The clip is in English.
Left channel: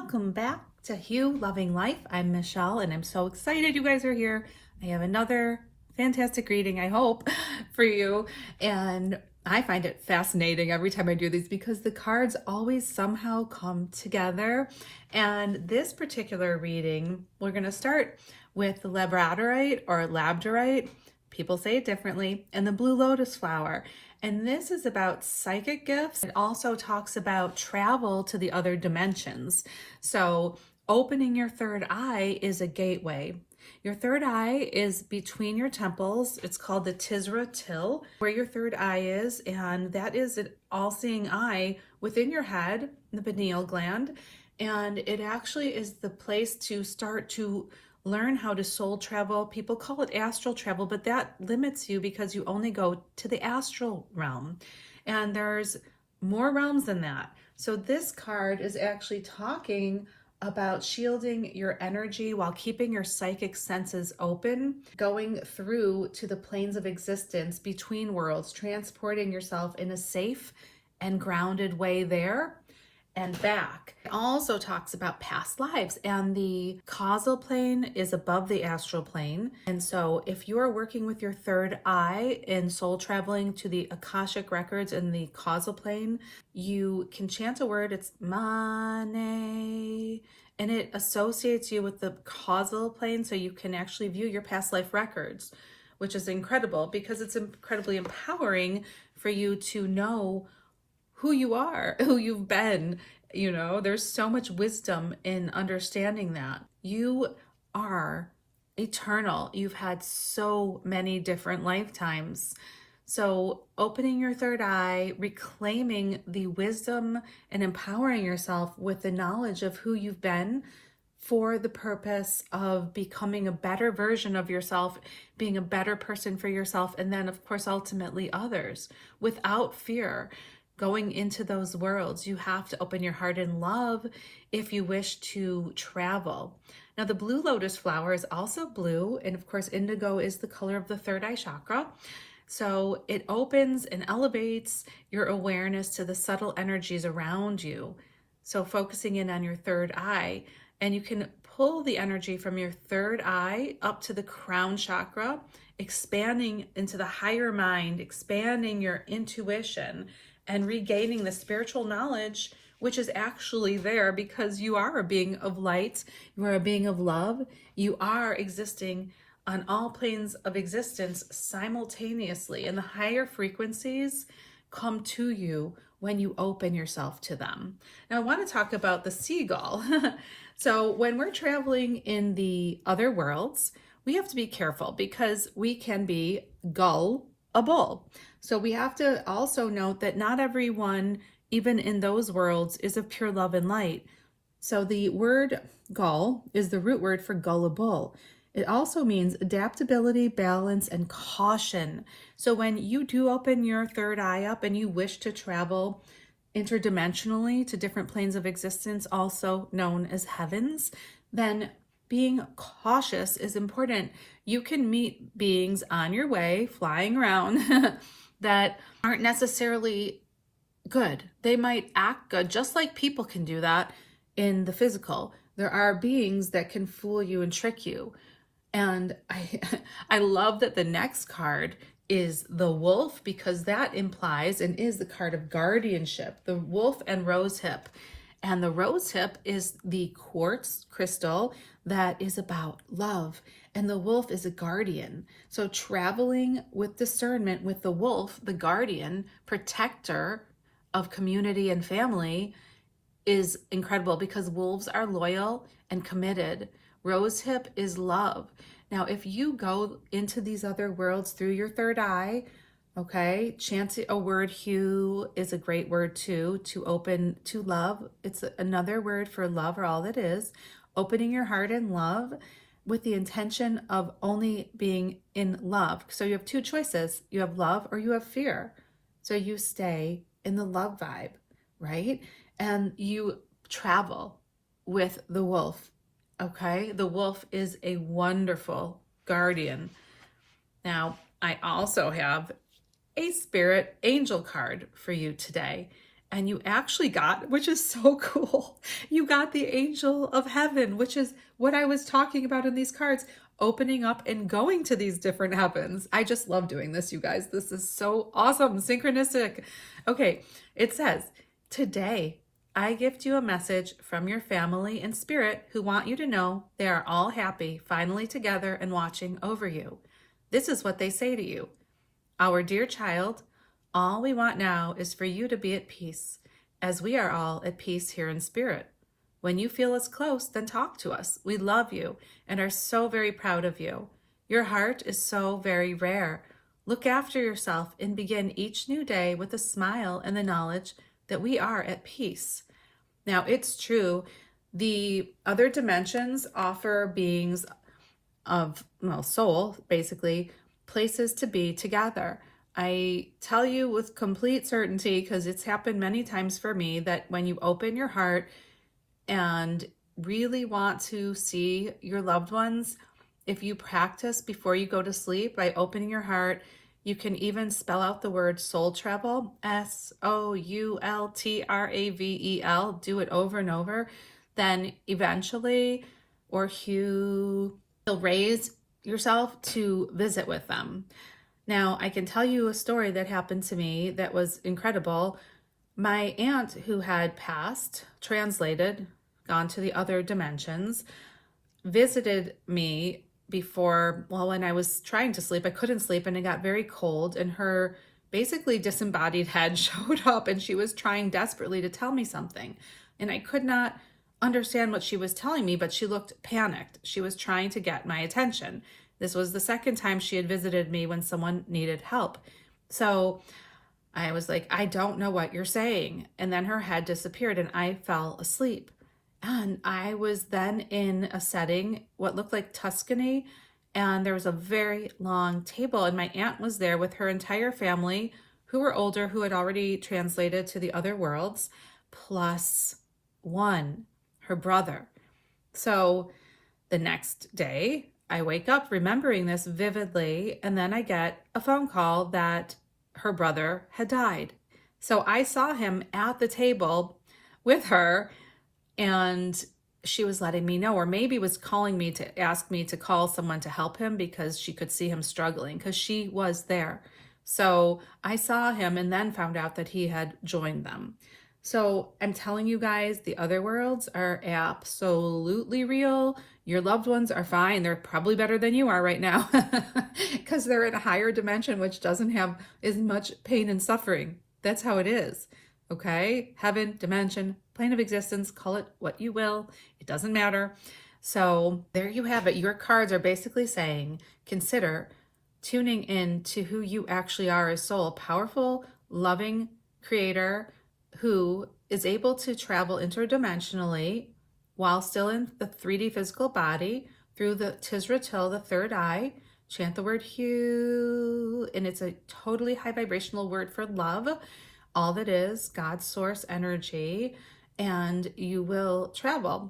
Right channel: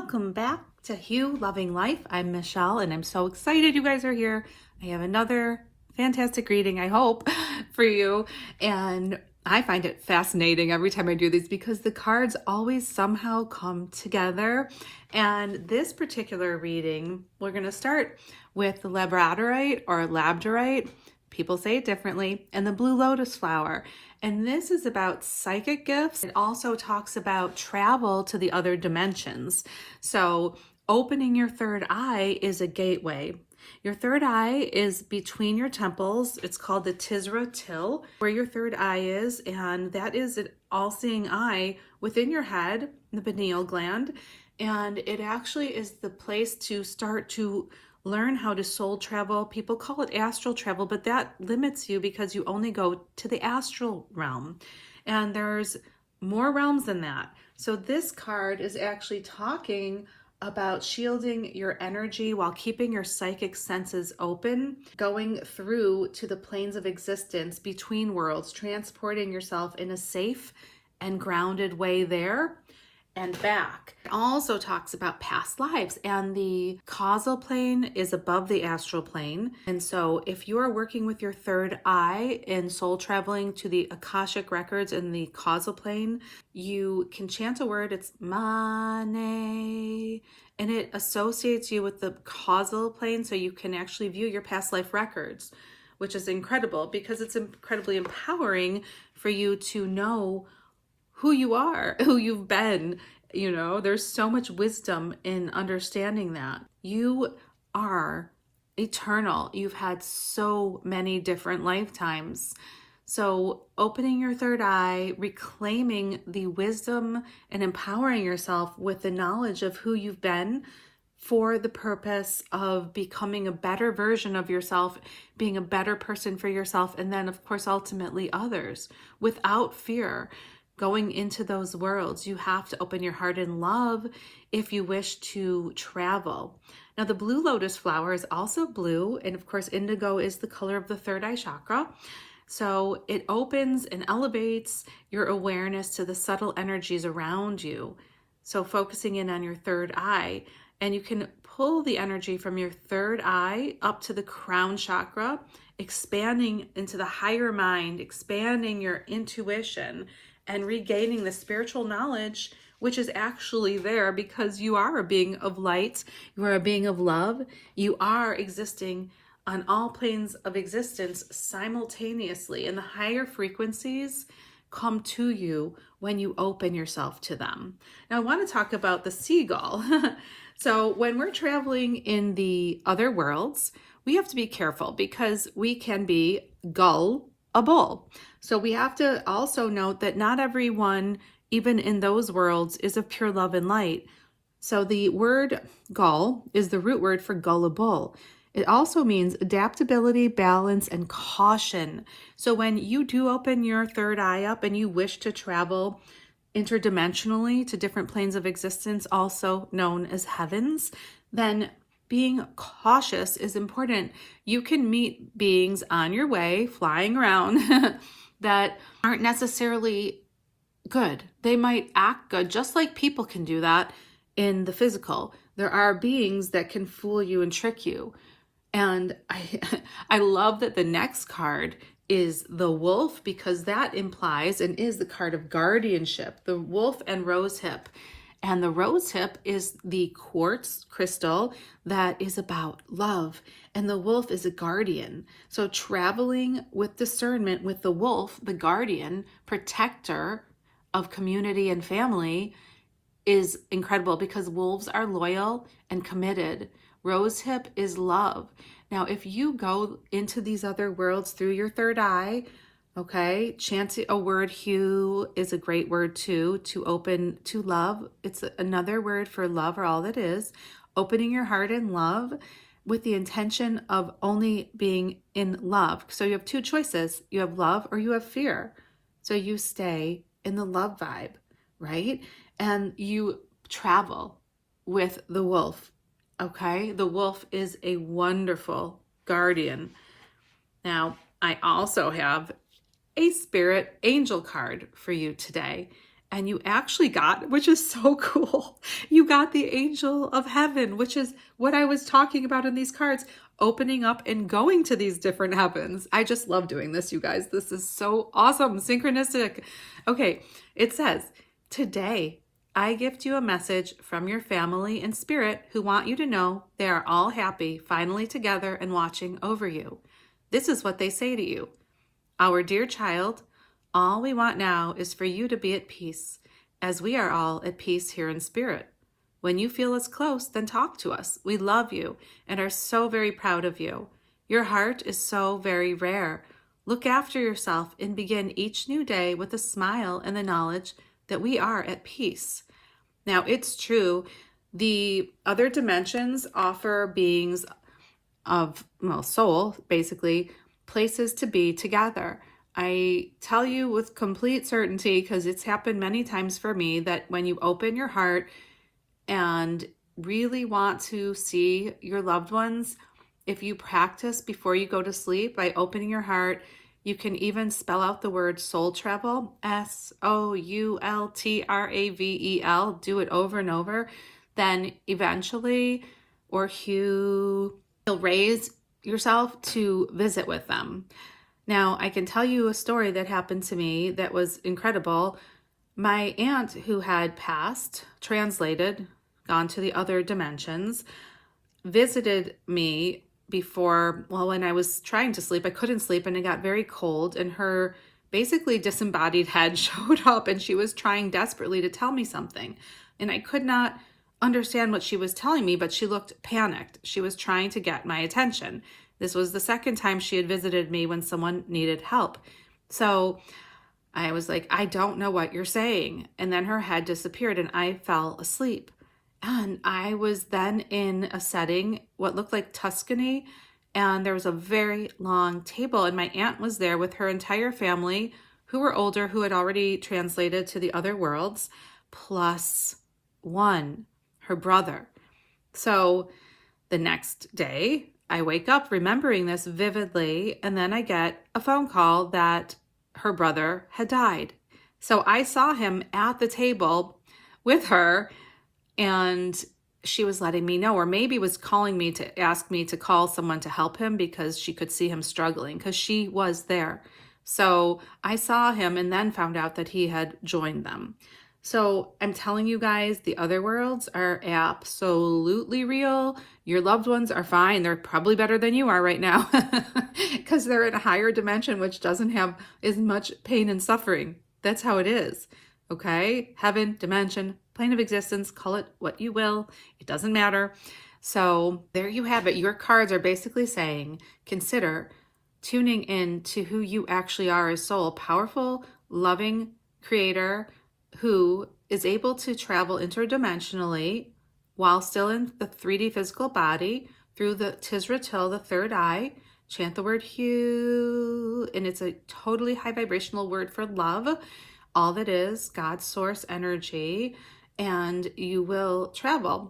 Welcome back to Hue Loving Life. I'm Michelle and I'm so excited you guys are here. I have another fantastic reading, I hope, for you. And I find it fascinating every time I do these because the cards always somehow come together. And this particular reading, we're going to start with the labradorite or labradorite. People say it differently, and the blue lotus flower. And this is about psychic gifts. It also talks about travel to the other dimensions. So opening your third eye is a gateway. Your third eye is between your temples. It's called the Tisra Till, where your third eye is, and that is an all-seeing eye within your head, the pineal gland, and it actually is the place to start to learn how to soul travel. People call it astral travel, but that limits you because you only go to the astral realm. And there's more realms than that. So this card is actually talking about shielding your energy while keeping your psychic senses open, going through to the planes of existence between worlds, transporting yourself in a safe and grounded way there and back. It also talks about past lives, and the causal plane is above the astral plane. And so if you are working with your third eye and soul traveling to the Akashic records in the causal plane, you can chant a word. It's Mane, and it associates you with the causal plane, so you can actually view your past life records, which is incredible because it's incredibly empowering for you to know who you are, who you've been. You know, there's so much wisdom in understanding that. You are eternal. You've had so many different lifetimes. So opening your third eye, reclaiming the wisdom and empowering yourself with the knowledge of who you've been for the purpose of becoming a better version of yourself, being a better person for yourself, and then of course ultimately others, without fear. Going into those worlds, you have to open your heart in love if you wish to travel. Now, the blue lotus flower is also blue, and of course, indigo is the color of the third eye chakra. So it opens and elevates your awareness to the subtle energies around you. So focusing in on your third eye, and you can pull the energy from your third eye up to the crown chakra, expanding into the higher mind, expanding your intuition, and regaining the spiritual knowledge, which is actually there because you are a being of light, you are a being of love, you are existing on all planes of existence simultaneously, and the higher frequencies come to you when you open yourself to them. Now, I want to talk about the seagull. So when we're traveling in the other worlds, we have to be careful because we can be gullible. So we have to also note that not everyone, even in those worlds, is of pure love and light. So the word gull is the root word for gullible. It also means adaptability, balance, and caution. So when you do open your third eye up and you wish to travel interdimensionally to different planes of existence, also known as heavens, then being cautious is important. You can meet beings on your way, flying around, that aren't necessarily good. They might act good, just like people can do that in the physical. There are beings that can fool you and trick you. And I love that the next card is the wolf, because that implies and is the card of guardianship, the wolf and rose hip. And the rose hip is the quartz crystal that is about love. And the wolf is a guardian. So traveling with discernment with the wolf, the guardian, protector of community and family, is incredible because wolves are loyal and committed. Rose hip is love. Now, if you go into these other worlds through your third eye, okay, chanting a word, hue, is a great word too, to open to love. It's another word for love, or all that is. Opening your heart in love with the intention of only being in love. So you have two choices. You have love or you have fear. So you stay in the love vibe, right? And you travel with the wolf, okay? The wolf is a wonderful guardian. Now, I also have a spirit angel card for you today. and you actually got, which is so cool, you got the angel of heaven, which is what I was talking about in these cards, opening up and going to these different heavens. I just love doing this, you guys. This is so awesome, synchronistic. Okay, it says, today I gift you a message from your family and spirit who want you to know they are all happy, finally together and watching over you. This is what they say to you. Our dear child, all we want now is for you to be at peace, as we are all at peace here in spirit. When you feel us close, then talk to us. We love you and are so very proud of you. Your heart is so very rare. Look after yourself and begin each new day with a smile and the knowledge that we are at peace. Now, it's true. The other dimensions offer beings of, well, soul, basically, places to be together. I tell you with complete certainty, because it's happened many times for me, that when you open your heart and really want to see your loved ones, if you practice before you go to sleep by opening your heart, you can even spell out the word soul travel, SOULTRAVEL, do it over and over, then eventually, or you'll raise yourself to visit with them. Now, I can tell you a story that happened to me that was incredible. My aunt, who had passed, translated, gone to the other dimensions, visited me before, well, when I was trying to sleep. I couldn't sleep and it got very cold, and her basically disembodied head showed up, and she was trying desperately to tell me something. And I could not understand what she was telling me, but she looked panicked. She was trying to get my attention. This was the second time she had visited me when someone needed help. So I was like, I don't know what you're saying. And then her head disappeared and I fell asleep. And I was then in a setting, what looked like Tuscany, and there was a very long table, and my aunt was there with her entire family, who were older, who had already translated to the other worlds, plus one, her brother. So the next day, I wake up remembering this vividly, and then I get a phone call that her brother had died. So I saw him at the table with her, and she was letting me know, or maybe was calling me to ask me to call someone to help him because she could see him struggling, because she was there. So I saw him and then found out that he had joined them. So I'm telling you guys, the other worlds are absolutely real. Your loved ones are fine. They're probably better than you are right now because they're in a higher dimension, which doesn't have as much pain and suffering. That's how it is. Okay? Heaven, dimension, plane of existence, call it what you will. It doesn't matter. So there you have it. Your cards are basically saying, consider tuning in to who you actually are as soul, powerful, loving creator who is able to travel interdimensionally while still in the 3D physical body through the Tisra-Til, the third eye. Chant the word Hu, and it's a totally high vibrational word for love. All that is God's source energy, and you will travel